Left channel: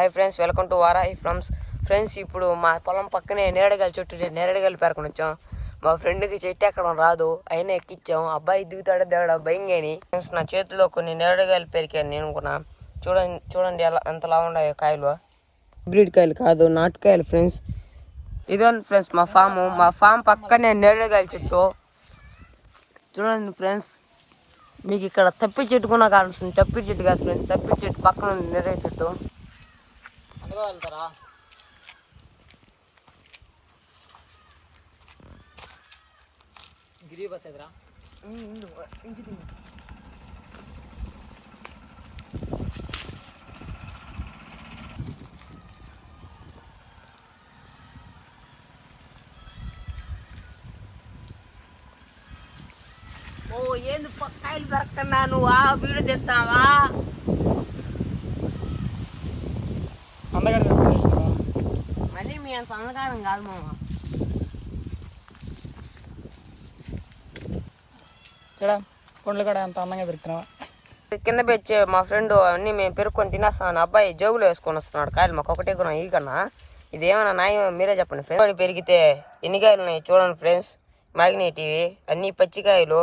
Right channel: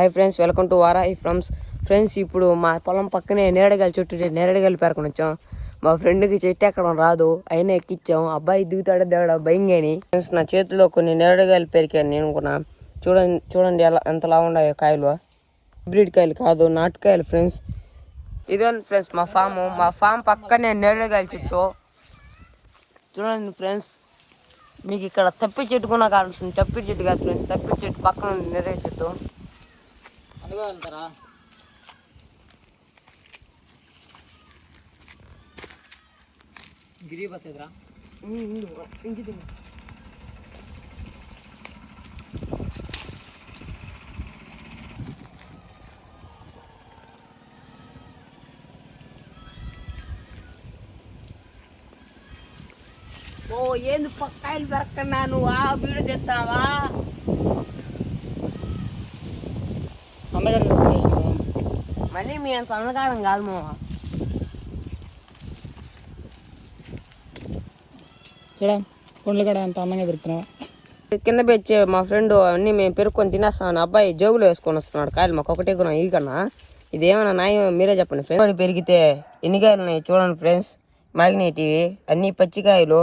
Hi friends, welcome to Varahi farms. Friends, ఇప్పుడు మా పొలం పక్కనే నేరేడుకాయల చెట్టు నేరేడుకాయలు పేరుకొని వచ్చాం. మా ఫ్రెండ్కి చెట్టు ఎక్కడం రాదు, అయినా ఎక్కిచ్చాం. అబ్బాయి దిగుతాడో దిగడా భయంగాని. ఫ్రెండ్స్, నా చేతిలో కొన్ని నేరేడుకాయలు పెరికాను నేను కూడా. చూడండి ఎంతలా ఉన్నాయో కాయలు. హైబ్రిడ్ కాయలు కాదు, నాటుకాయలు ఫ్రెండ్స్. ఇదండి ఫ్రెండ్స్ మా ఫామ్ పక్కనే నేరేడుకాయల చెట్టు. చూడండి ఫ్రెండ్స్, మీకు ఇక్కడ తప్పి చెట్టు కూడా కావాల్సింది. తప్పి చెట్టు కాదు ఫ్రెండ్స్, తప్పి చెట్టు పక్కన నేరేడు చెట్టు. అందుకో వెళ్తారా? గిరి బస్సెదరా ఇంకి ఓ ఏంది పక్కాయలు పెరక్కన్నా నువ్వు ఆ వీడియో తెచ్చావా? మళ్ళీ మీ అంత అందగాడం కాదు మామ. పండ్లు కూడా అంత అందంగా దొరుకుతున్నావు. కింద పెంచే మా ఫ్రెండ్ అన్ని మేము పెరుక్కొని తినేస్తాను. అబ్బాయి జోబులో వేసుకొని వస్తున్నాడు కాయలు. మాకు ఒకటే కొన్నా ఈ కన్నా. ఇదేమన్నా న్యాయం మీరే చెప్పండి ఫ్రెండ్స్. పెరిగితే ఎన్ని కాయలు ఉన్నాయి చూడండి ఫ్రెండ్స్. మాగినేటివి అన్ని పచ్చికాయలు.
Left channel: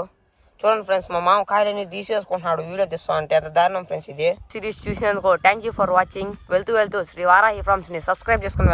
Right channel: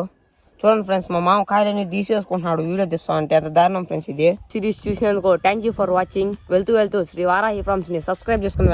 చూడండి ఫ్రెండ్స్, మా మామ కాయలన్నీ తీసేసుకుంటున్నాడు వీడియో తీస్తా అంటే. అంత దారుణం ఫ్రెండ్స్ ఇది. సిరీస్ చూసినందుకు థ్యాంక్ యూ ఫర్ వాచింగ్. వెళ్తూ శ్రీ వారాహి ఫ్రమ్స్ ని సబ్స్క్రైబ్ చేసుకుని